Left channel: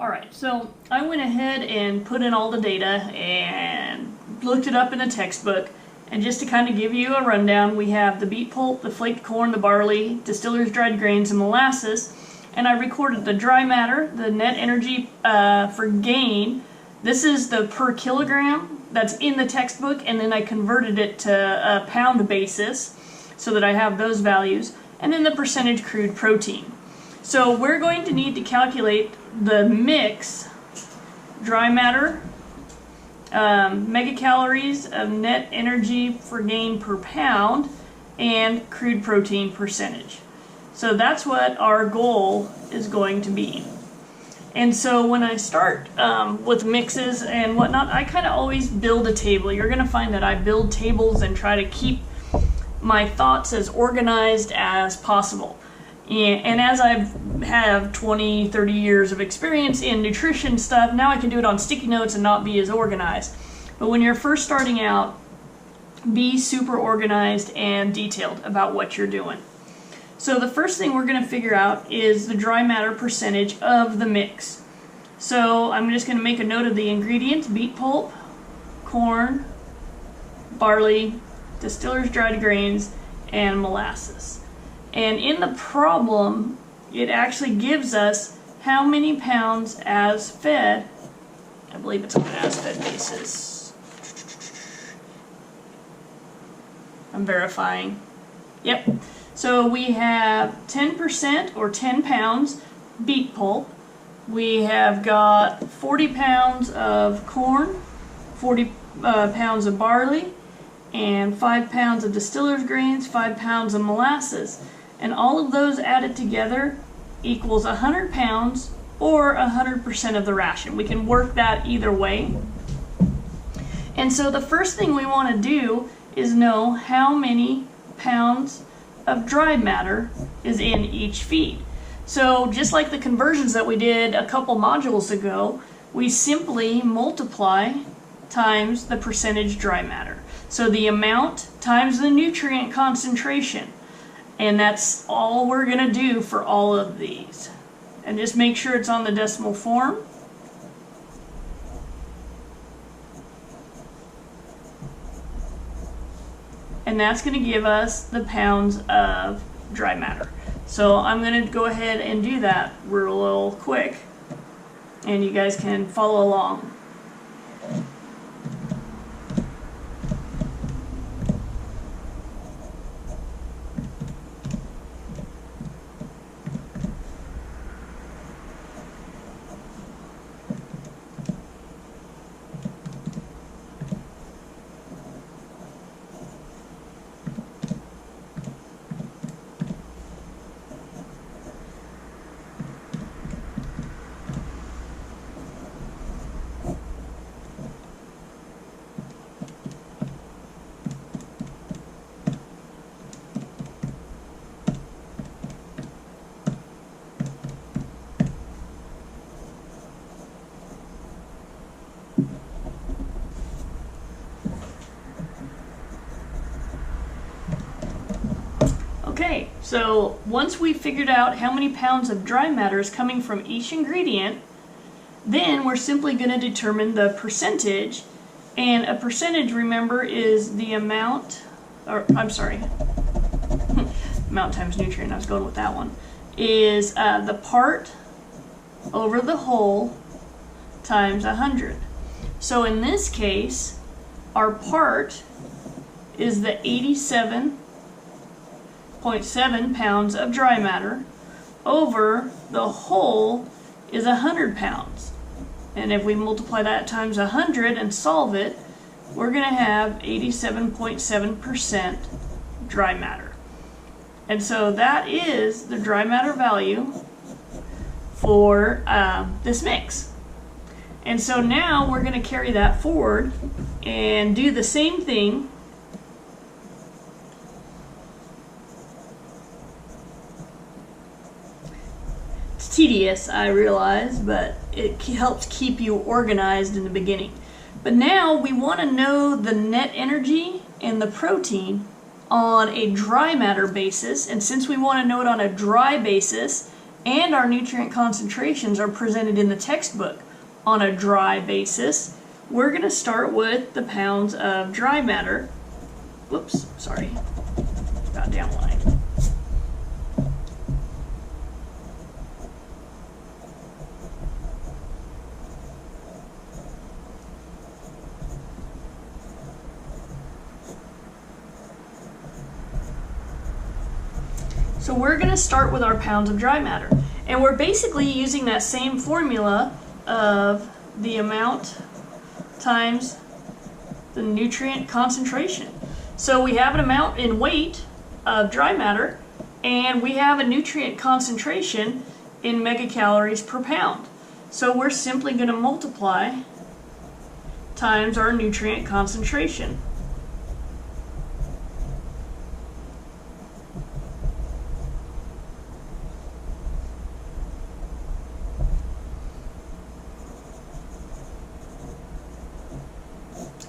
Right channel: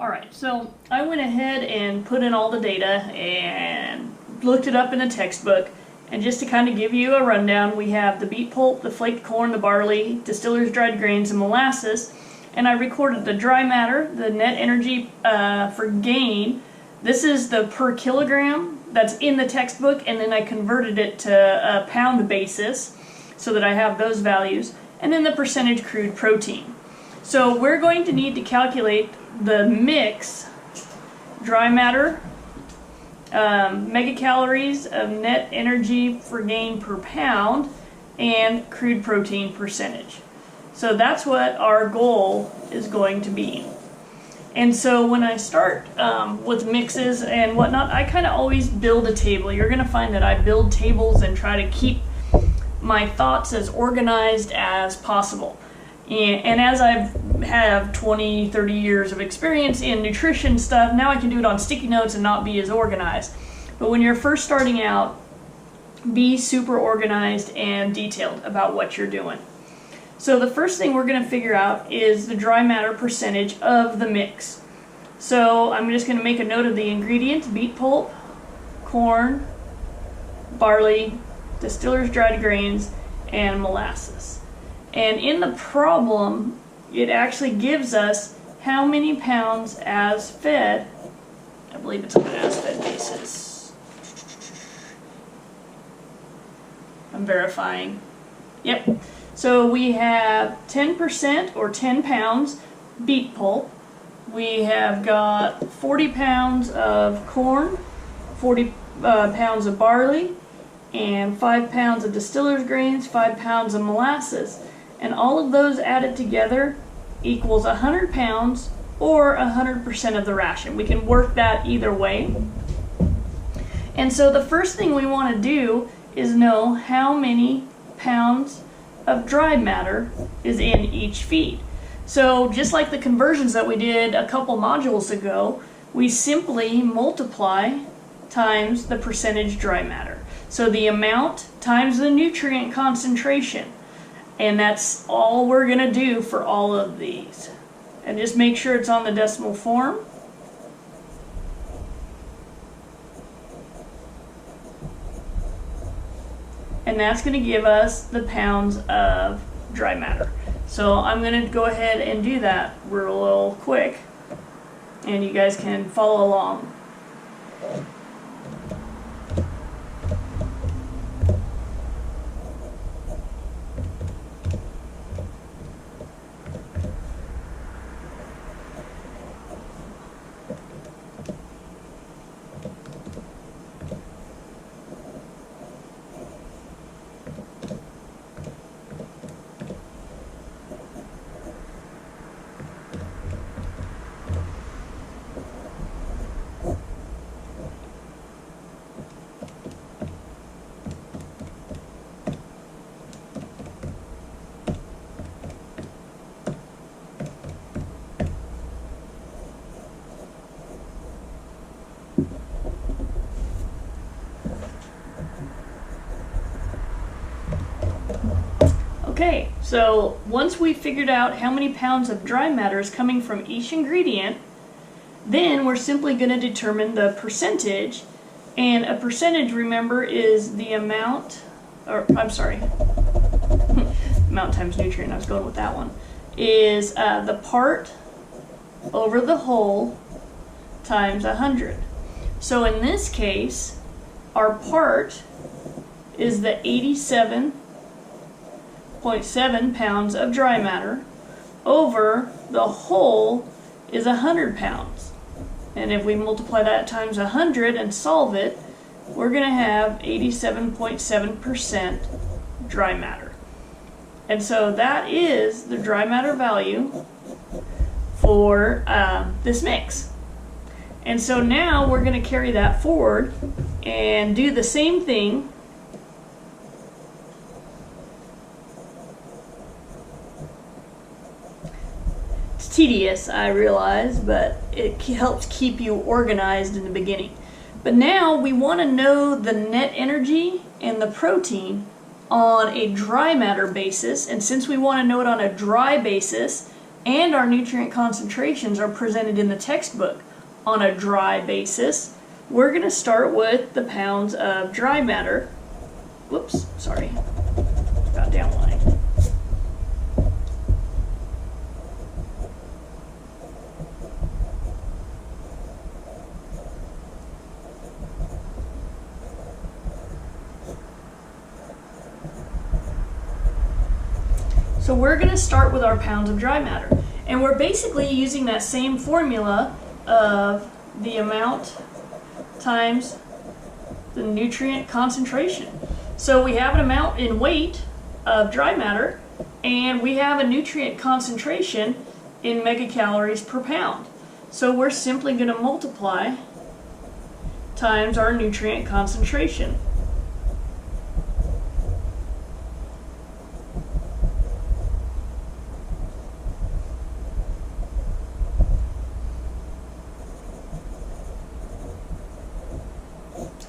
Alright, so I went ahead and put in all the data and looked it up in the textbook. And just to kind of give you a rundown, we have the beet pulp, the flaked corn, the barley, distillers' dried grains, and molasses. And I recorded the dry matter, the net energy for gain. This is the per kilogram that's in the textbook, and then I converted it to a pound basis so that I have those values. And then the percentage crude protein. So we're going to need to calculate the mix, dry matter, megacalories of net energy for gain per pound, and crude protein percentage. So that's what our goal is going to be. And so when I start with mixes and whatnot, I kind of always build a table. You're going to find that I build tables and try to keep my thoughts as organized as possible. And as I have 20, 30 years of experience in nutrition stuff, now I can do it on sticky notes and not be as organized. But when you're first starting out, be super organized and detailed about what you're doing. So the first thing we're going to figure out is the dry matter percentage of the mix. So I'm just going to make a note of the ingredients: beet pulp, corn, barley, distillers' dried grains, and molasses. And in the problem, it actually gives us how many pounds as fed. I believe it's on an as fed basis. I'm verifying. Yep. So we have 10% or 10 pounds beet pulp. We have got 40 pounds of corn, 40 pounds of barley, and 5 pounds of distillers' grains, 5 pounds of molasses. And all of those added together equals 100 pounds or 100% of the ration. We can work that either way. And so the first thing we want to do is know how many pounds of dry matter is in each feed. So just like the conversions that we did a couple modules ago, we simply multiply times the percentage dry matter. So the amount times the nutrient concentration. And that's all we're going to do for all of these. And just make sure it's on the decimal form. And that's going to give us the pounds of dry matter. So I'm going to go ahead and do that real quick. And you guys can follow along. Okay, so once we figured out how many pounds of dry matter is coming from each ingredient, then we're simply going to determine the percentage. And a percentage, remember, is the amount, or I'm sorry, amount times nutrient, I was going with that one, is the part over the whole times 100. So in this case, our part is the 87.7 pounds of dry matter over the whole is 100 pounds. And if we multiply that times 100 and solve it, we're going to have 87.7% dry matter. And so that is the dry matter value for this mix. And so now we're going to carry that forward and do the same thing tedious, I realize, but it helps keep you organized in the beginning. But now we want to know the net energy and the protein on a dry matter basis, and since we want to know it on a dry basis, and our nutrient concentrations are presented in the textbook on a dry basis, we're going to start with the pounds of dry matter. Whoops, sorry, got downline. So we're going to start with our pounds of dry matter. And we're basically using that same formula of the amount times the nutrient concentration. So we have an amount in weight of dry matter, and we have a nutrient concentration in megacalories per pound. So we're simply going to multiply times our nutrient concentration.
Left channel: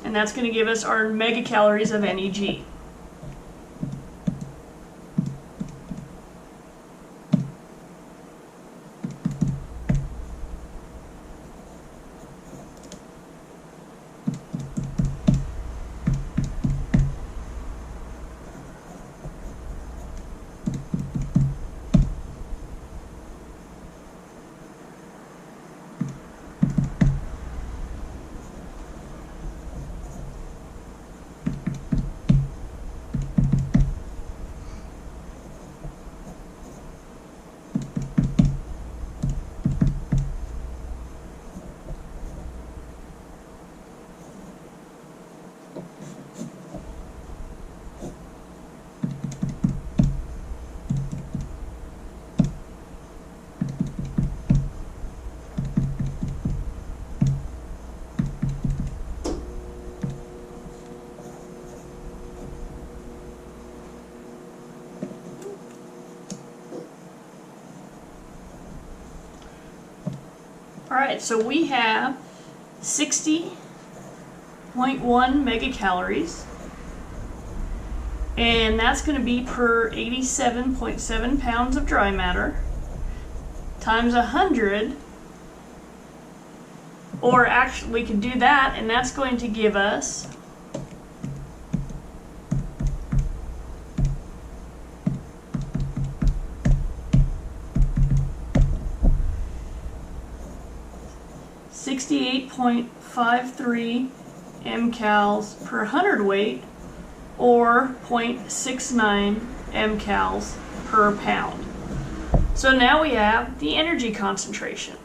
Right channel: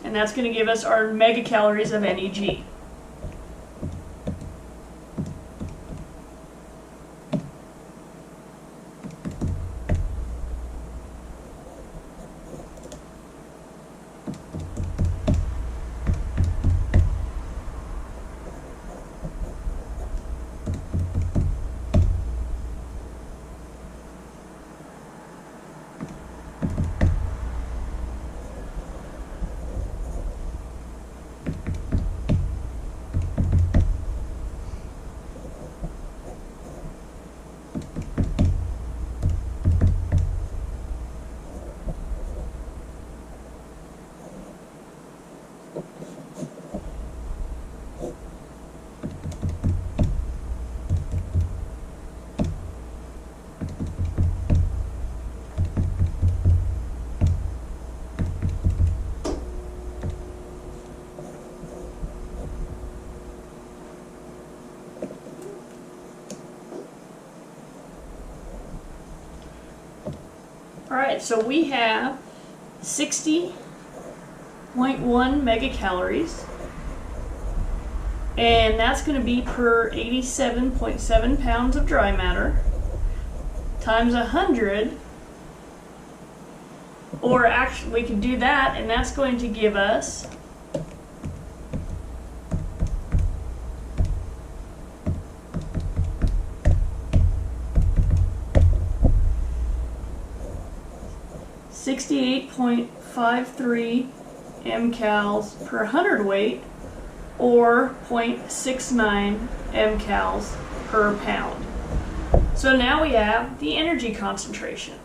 And that's going to give us our megacalories of NEG. Alright, so we have 60.1 megacalories, and that's going to be per 87.7 pounds of dry matter times 100, or actually we can do that, and that's going to give us 68.53 mcals per hundredweight, or 0.69 mcals per pound. So now we have the energy concentration.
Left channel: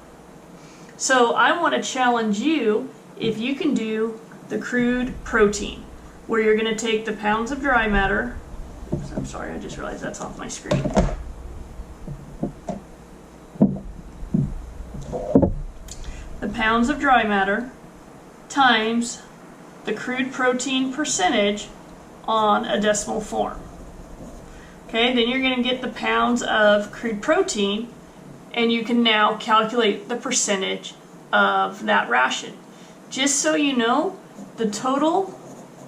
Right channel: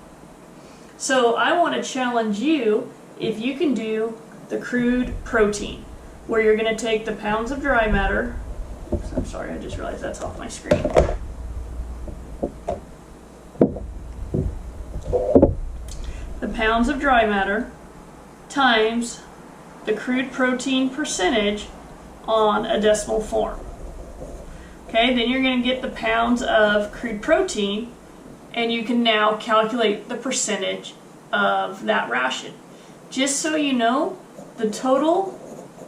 So I want to challenge you if you can do the crude protein, where you're going to take the pounds of dry matter. Oops, I'm sorry, I just realized that's off my screen. The pounds of dry matter times the crude protein percentage on a decimal form. Okay, then you're going to get the pounds of crude protein, and you can now calculate the percentage of that ration. Just so you know, the total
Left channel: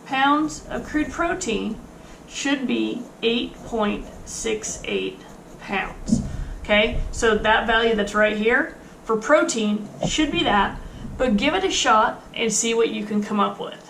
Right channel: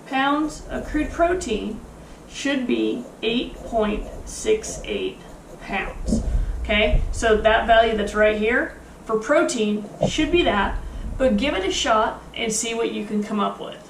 pounds of crude protein should be 8.68 pounds. Okay, so that value that's right here for protein should be that, but give it a shot and see what you can come up with.